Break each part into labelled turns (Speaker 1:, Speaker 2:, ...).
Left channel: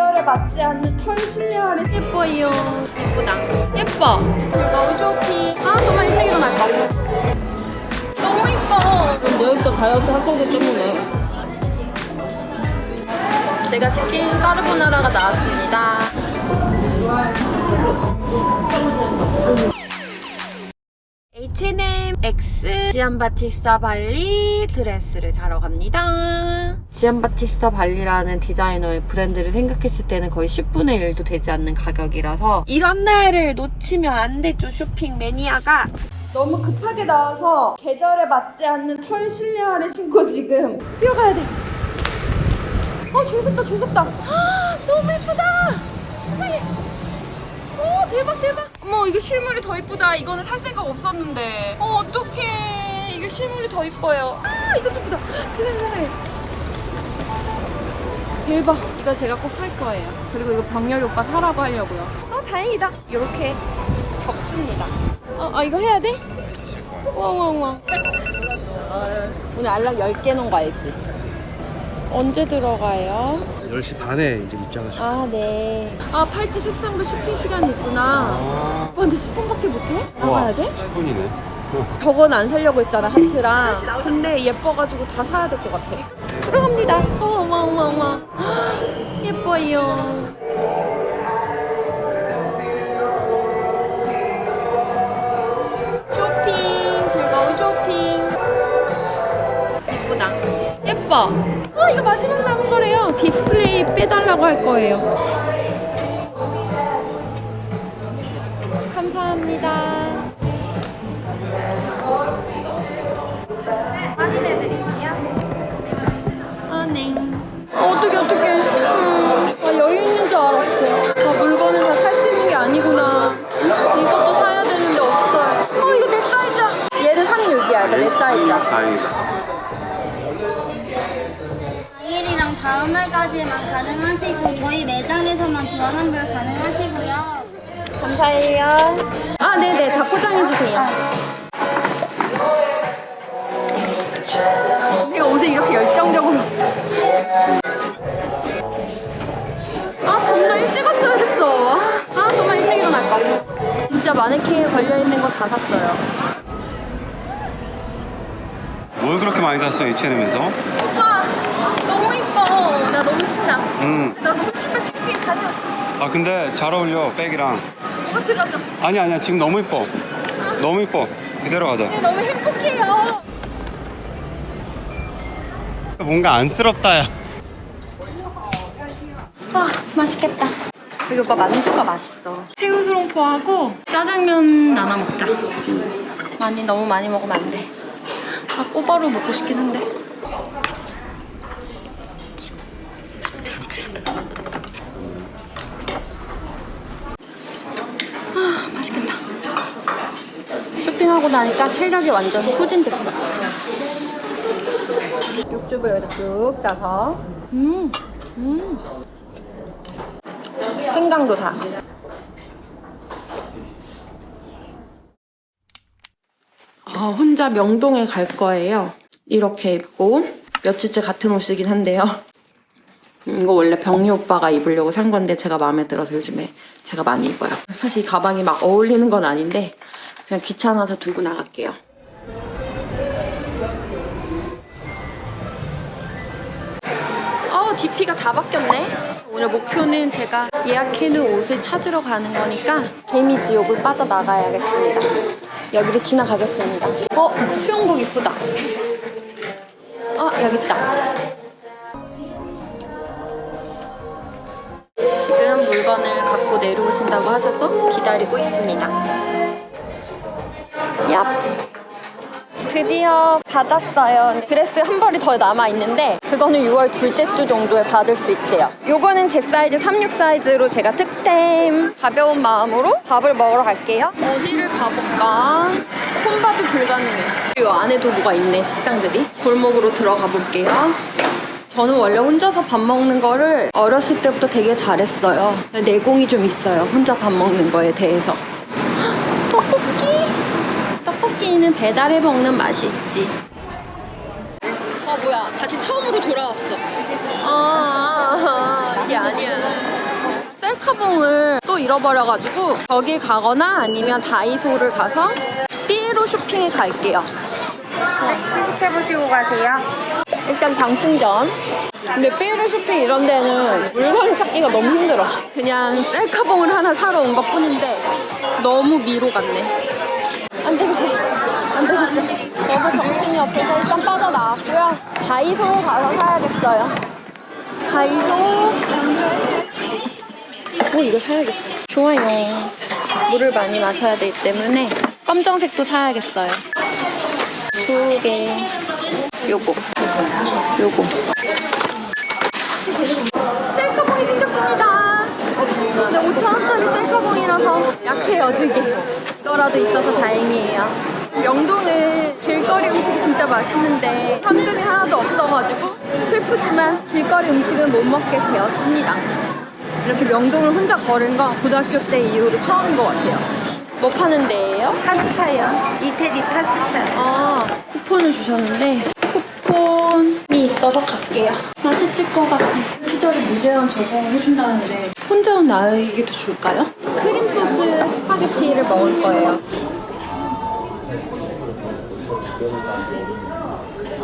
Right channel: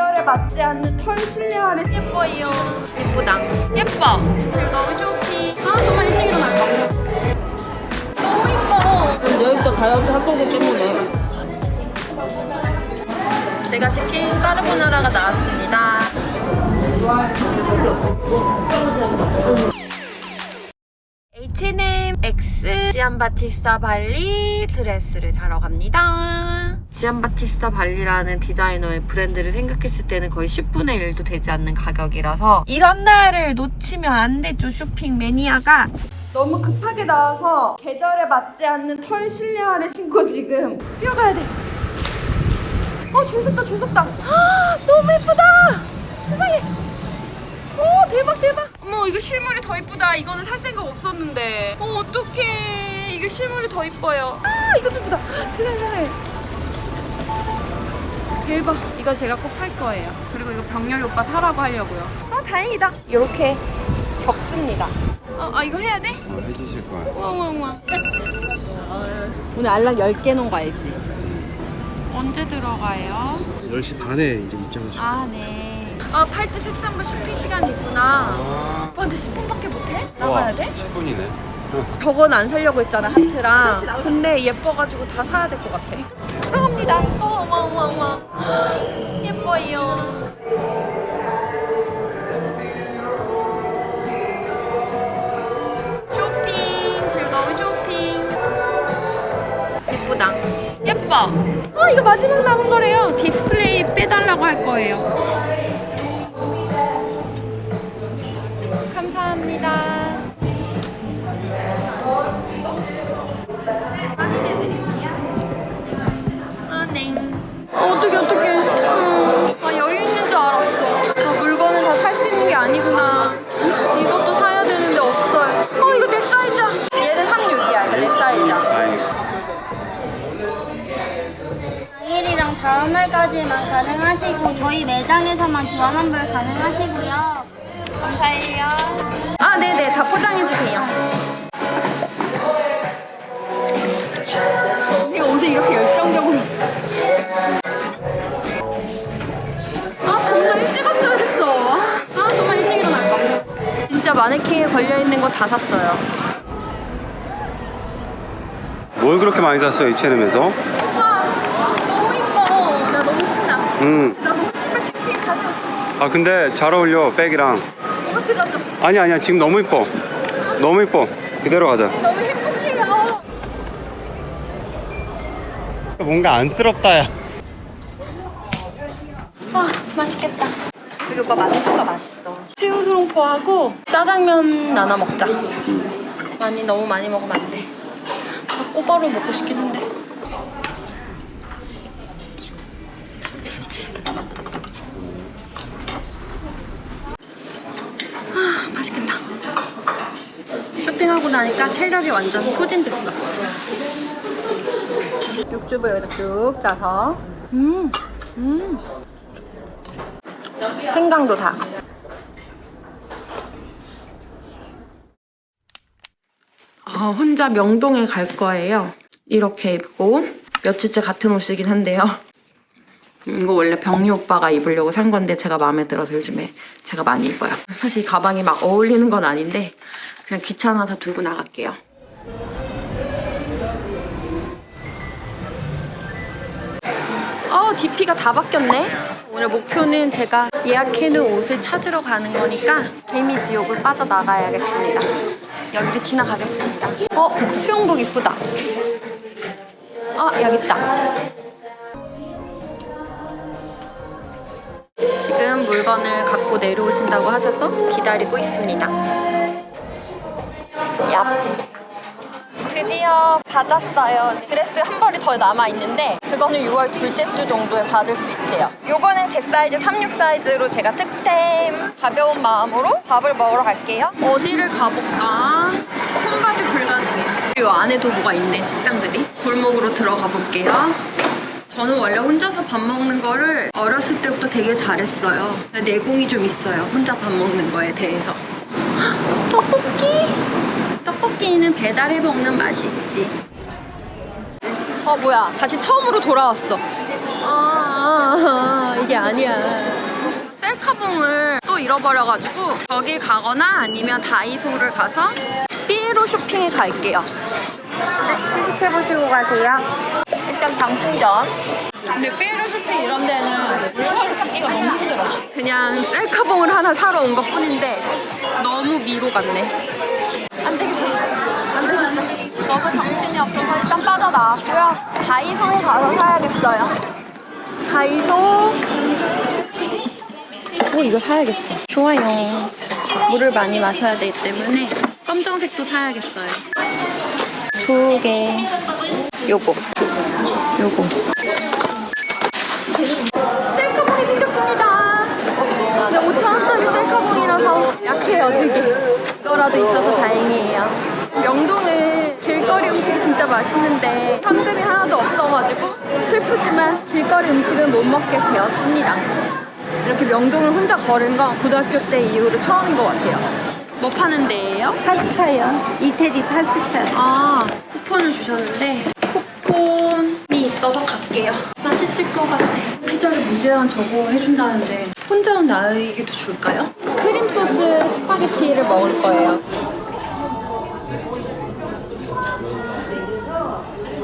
Speaker 1: 계절에 맞지 않는 털 실내화를
Speaker 2: 예뻐요. 예쁘다. 예뻐. 너무 쇼핑. 아, 정말 일찍 일어났다. 너무 예뻐. 내일부터 다이어트 할 거기 때문에. 제가 시킨 까르보나라가 나왔습니다. H&M X 지안바티스타 발리 드레스를 사러 갑니다. 지안바티스타 발리라는 디자이너의 브랜드를 생각했을 때는 거의 10분의 1도 되지 않는 가격이라서 이런 날을 놓치면 안 되죠 쇼핑 매니아가
Speaker 1: 너무 급하게 나와서 계절에 맞지 않는 털 실내화를 신고 지금 뛰어가야 돼. 어, 줄 섰다, 줄 섰다. 아, 너무 예쁘다. 세상에. 오, 대박, 대박. 어머, 이거 실물이 더 예쁘다. 이거는 살 생각 없었는데. 어, 어떡해. 이게 실물이 더 예뻐요. 아, 이것도 예쁘다. 세상에. 대박. 이거 제가 꼭 살 거예요. 그리고 이거 병렬 오빠 사라고 하려고요. 아, 다행이다. 이렇게 적습니다. 어, 아, 이거 해야 돼? 우와, 우와. 오늘 알람 10개 놓은 거 알지? 언제 들어가요?
Speaker 3: 10시 반에 이제 입장을
Speaker 1: 아, 네. 아, 팔찌 색상별 쇼핑 시간이 있구나. 와, 근데 10분밖에 못해? 나가야 돼?
Speaker 3: 10분이네
Speaker 1: 저건 안 사려고 했잖아, 하트랑. 근데 예뻐가지고 다 사야 될 것 같아.
Speaker 2: 예뻐요. 쇼핑 즐거운 쇼핑. 예쁘다. 예뻐.
Speaker 1: 아, 이거 마지막 남은 거래요.
Speaker 2: 디스플레이 빼달라고 할 거예요.
Speaker 1: 감사합니다.
Speaker 2: 아, 네.
Speaker 1: 아, 어떡해. 아, 여유
Speaker 4: 5시까지만 가능하시고 저희 매장에서만 교환 환불 가능하시고요. 감사해요.
Speaker 1: 아, 네네. 다 포장해주세요. 내가 옷에 이렇게 열정적으로. 아, 점점 찍었어야 됐어. 아, 정말 일찍 일어났다. 진짜 마네킹에 걸려있는 거 다 샀어요.
Speaker 3: 뭘 그렇게 많이 샀어요, 이 H&M에서?
Speaker 1: 나 신발. 가자.
Speaker 3: 아 근데 잘 어울려 백이랑
Speaker 1: 뭐 들어줘.
Speaker 3: 아니 아니야 지금 너무 이뻐 너무 이뻐 그대로 가자
Speaker 1: 네, 너무 행복해요.
Speaker 3: 뭔가 안쓰럽다 야
Speaker 2: 맛있겠다. 이거 봐, 만두가 맛있어. 새우수롱포하고 짜장면 나눠 먹자. 많이 너무 많이 먹으면 안 돼. 아, 꼬바로 먹고 싶긴 한데. 아, 맛있겠다. 쇼핑하고 나니까 체력이 완전 소진됐어. 육즙을 여기다 쭉 짜서. 음, 음. 생강도 다. 어, 혼자 명동에 갈 거예요. 이렇게 입고 며칠째 같은 옷이긴 한데요. 음, 이거 원래 병리 오빠가 입으려고 산 건데 제가 마음에 들어서 요즘에 제가 많이 입어요. 사실 이 가방이 막 어울리는 건 아닌데 그냥 귀찮아서 들고 나갈게요. 어, DP가 다 바뀌었네. 오늘 목표는 제가 예약해놓은 옷을 찾으러 가는 거니까 개미 지옥을 빠져나가야겠습니다. 여기를 지나가겠습니다. 어, 수영복 이쁘다. 아, 여기 있다. 지금 물건을 갖고 내려오신다고 하셔서 기다리고 있습니다. 드디어 받았어요. 드레스 한 벌이 더 남아 있는데 그거는 6월 둘째 주 정도에 받을 수 있대요. 요거는 제 사이즈 36 사이즈로 제가 득템 가벼운 마음으로 밥을 먹으러 갈게요. 어디를 가볼까? 혼밥이 불가능해. 이 안에도 뭐가 있네 식당들이. 골목으로 들어가 볼게요. 저는 원래 혼자서 밥 먹는 거를 어렸을 때부터 되게 잘했어요. 내공이 좀 있어요. 혼자 밥 먹는 거에 대해서. 헉, 떡볶이! 떡볶이는 배달해 먹는 맛이 있지. 어 뭐야 다시 처음으로 돌아왔어. 아. 그게 아니야. 셀카봉을 또 잃어버려가지고 저길 가거나 아니면 다이소를 가서 삐에로 쇼핑에 갈게요.
Speaker 1: 수식해보시고 가세요.
Speaker 2: 일단 방충전. 근데 삐에로 쇼핑 이런 데는 물건 찾기가 너무 힘들어. 그냥 셀카봉을 하나 사러 온 것 뿐인데 너무 미로 같네. 안 되겠어. 안 되겠어. 너무 정신이 없어서 일단 빠져나왔고요. 다이소에 가서 사야겠어요. 다이소. 오, 이거 사야겠어. 좋아요. 물을 많이 마셔야 되기 때문에 검정색도 사야겠어요. 두 개. 요거. 요거. 셀카봉이 생겼습니다. 근데 5,000원짜리 셀카봉이라서 약해요, 되게. 이거라도 있어서 다행이에요. 명동은 길거리 음식이 진짜 맛있는데 현금이 하나도 없어가지고 슬프지만 길거리 음식은 못 먹게 되었습니다. 이렇게 명동을 혼자 걸은 건 고등학교 때 이후로 처음인 것 같아요. 뭐 파는 데예요?
Speaker 1: 파스타요. 이태리 파스타.
Speaker 2: 아, 쿠폰을 주셨는데 있어서 갈게요. 맛있을 것 같아. 피자를 무제한 저거 해준다는데 혼자 온 나에게도 줄까요?
Speaker 1: 크림 소스 스파게티를 먹을 거예요.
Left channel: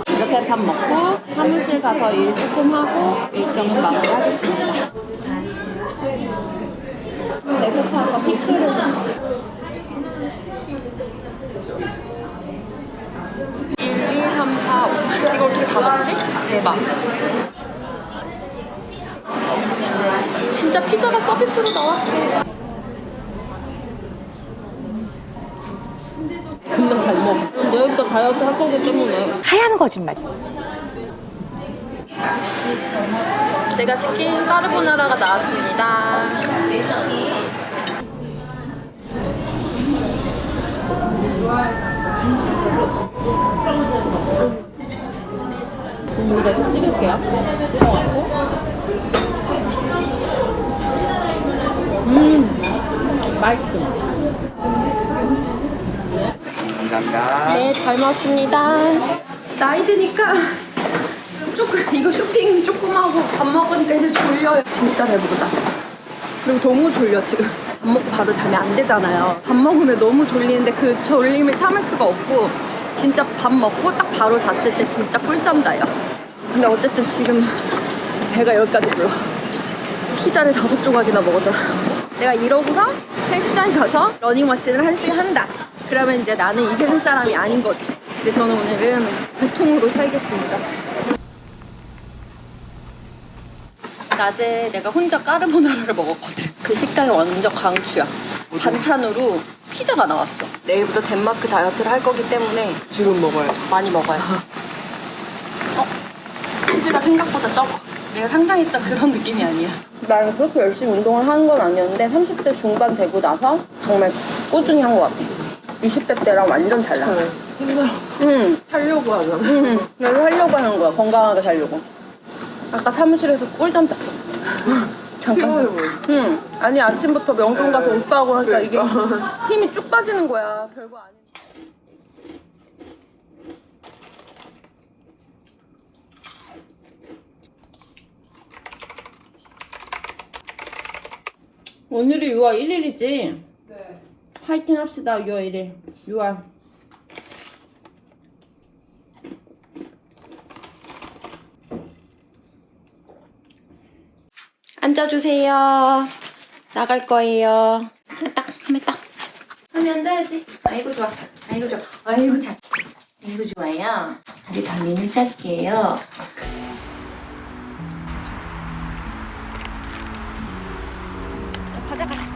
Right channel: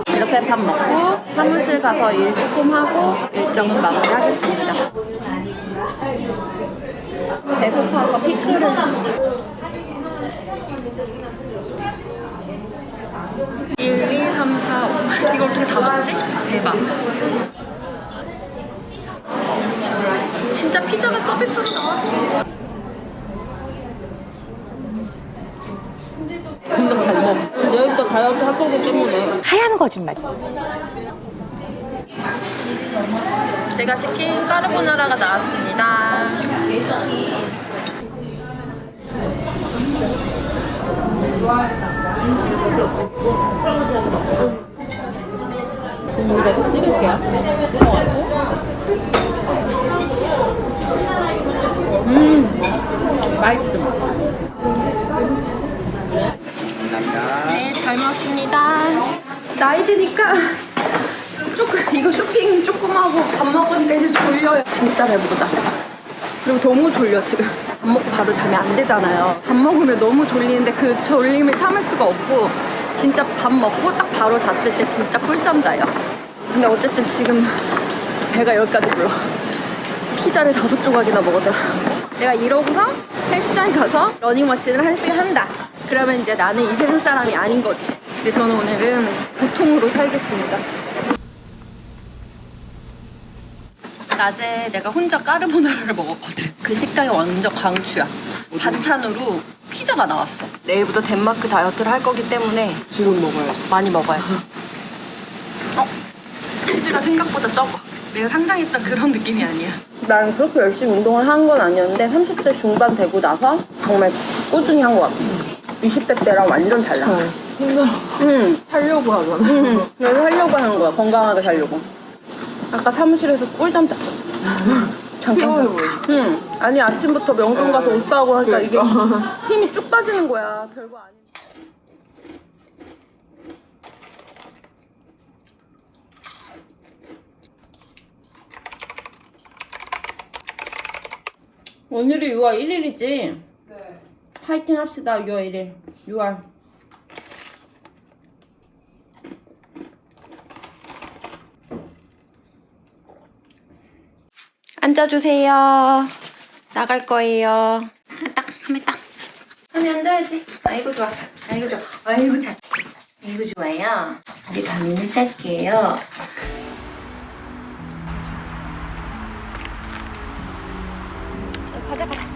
Speaker 1: 이렇게 밥 먹고 사무실 가서 일 조금 하고 일정은 마무리하겠습니다. 배고파서 피크를
Speaker 2: 1, 2, 3, 4, 5. 이걸 어떻게 다 먹지? 대박. 진짜 피자가 서비스로 나왔어.
Speaker 1: 근데 잘 먹어. 내일부터 다이어트 할 거기 때문에. 하얀 거짓말.
Speaker 2: 제가 시킨 까르보나라가 나왔습니다.
Speaker 1: 국물에도 찍을게요. 찍어갖고. 음, 맛있음.
Speaker 2: 네, 잘 먹었습니다.
Speaker 1: 나이 드니까 조금 이거 쇼핑 조금 하고 밥 먹으니까 이제 졸려요. 진짜 배부르다. 그리고 너무 졸려 지금. 밥 먹고 바로 잠이 안 되잖아요. 밥 먹으면 너무 졸리는데 그 졸림을 참을 수가 없고 진짜 밥 먹고 딱 바로 잤을 때 진짜 꿀잠 자요. 근데 어쨌든 지금 배가 여기까지 불러. 피자를 다섯 조각이나 먹었잖아. 내가 이러고서 헬스장에 가서 러닝머신을 한 시간 한다. 그러면 이제 나는 이 세상 사람이 아닌 거지. 근데 저는 오늘은 보통으로 살겠습니다.
Speaker 2: 낮에 내가 혼자 까르보나라를 먹었거든. 그 식당이 완전 강추야. 반찬으로 피자가 나왔어.
Speaker 1: 내일부터 덴마크 다이어트를 할 거기 때문에
Speaker 3: 지금 먹어야죠.
Speaker 2: 많이 먹어야죠. 생각보다 적어. 내가 상상했던 그런 느낌이 아니야.
Speaker 1: 나는 그렇게 열심히 운동을 하는 건 아니었는데 30대 중반 되고 나서 정말 꾸준히 한 것 같아. 20대 때랑 완전 달라. 응.
Speaker 3: 살려고 하면.
Speaker 1: 응. 내가 살려고 하는 거야. 건강하게 살려고. 아까 사무실에서 꿀잠 잤어. 잠깐. 응. 아니 아침부터 명동 가서 옷 사고 하니까 이게 힘이 쭉 빠지는 거야. 별거 아닌데. 오늘이 6월 1일이지? 네. 파이팅 합시다, 6월 1일. 6월. 앉아주세요. 나갈 거예요.
Speaker 2: 딱, 하면 딱.
Speaker 1: 하면 앉아야지. 아이고, 좋아. 아이고, 좋아. 아이고, 잘. 아이고, 좋아요. 다리 감이는 짧게요.
Speaker 2: 가자, 가자.